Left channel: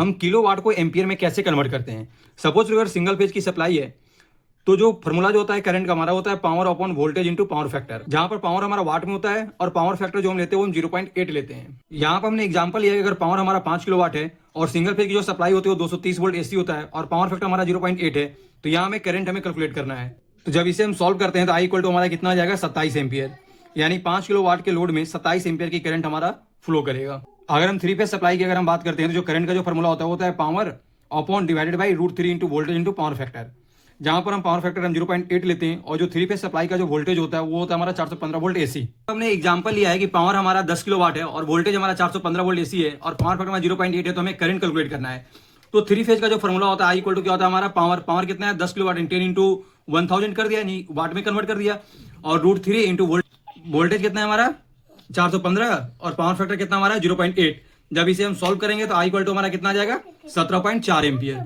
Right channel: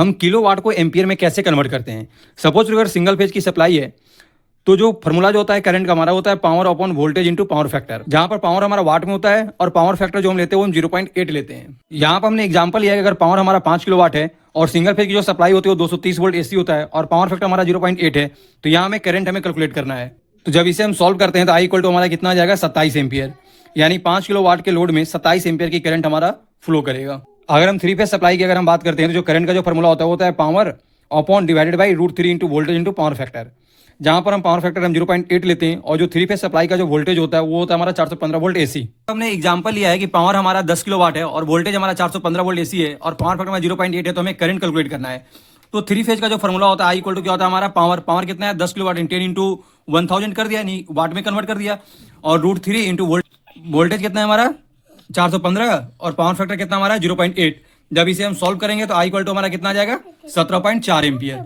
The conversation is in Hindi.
हम किलो वाट को एम्पियर में कैसे कन्वर्ट करते हैं। सपोज अगर सिंगल फेज की सप्लाई है तो जो फॉर्मूला जो होता है करंट का हमारा होता है power upon voltage into power factor, जहां पर पावर हमारा वाट में होता है और पावर फैक्टर जो हम लेते हैं वो हम 0.8 लेते हैं। यहाँ पर हमने एग्जांपल लिया है कि अगर पावर हमारा 5 किलो वाट है और सिंगल फेज की जो सप्लाई होती है वो 230 वोल्ट एसी होता है और पावर फैक्टर हमारा 0.8 है, तो यहाँ हमें करंट हमें कैलकुलेट करना है। तो जब इसे हम सॉल्व करते हैं तो आई इक्वल टू हमारा कितना आ जाएगा 27 एम्पियर, यानी 5 किलो वाट के लोड में 27 एम्पियर की करंट हमारा फ्लो करेगा। अगर हम 3 फेज सप्लाई की अगर हम बात करते हैं तो जो करंट का जो फॉर्मूला होता है वो होता है power upon divided by √3 into voltage into power factor, जहां पर हम पावर फैक्टर हम 0.8 लेते हैं और जो 3 फेज सप्लाई का जो वोल्टेज होता है वो होता है हमारा 415 वोल्ट एसी। हमने एग्जांपल लिया है कि पावर हमारा 10 किलो वाट है और वोल्टेज हमारा 415 वोल्ट एसी है और पावर फैक्टर हमारा 0.8 है, तो हमें करंट कैलकुलेट करना है। तो 3 फेज का जो फॉर्मूला होता है आई इक्वल टू क्या होता है हमारा पावर कितना है 10 किलो वाट 10 इंटू 1000 कर दिया, यानी वाट में कन्वर्ट कर दिया, और √3 इंटू वोल्टेज कितना है हमारा 415 और पावर फैक्टर कितना हमारा 0.8। जब इसे हम सॉल्व करेंगे तो आई इक्वल टू हमारा कितना आ जाएगा 17.4 एम्पियर।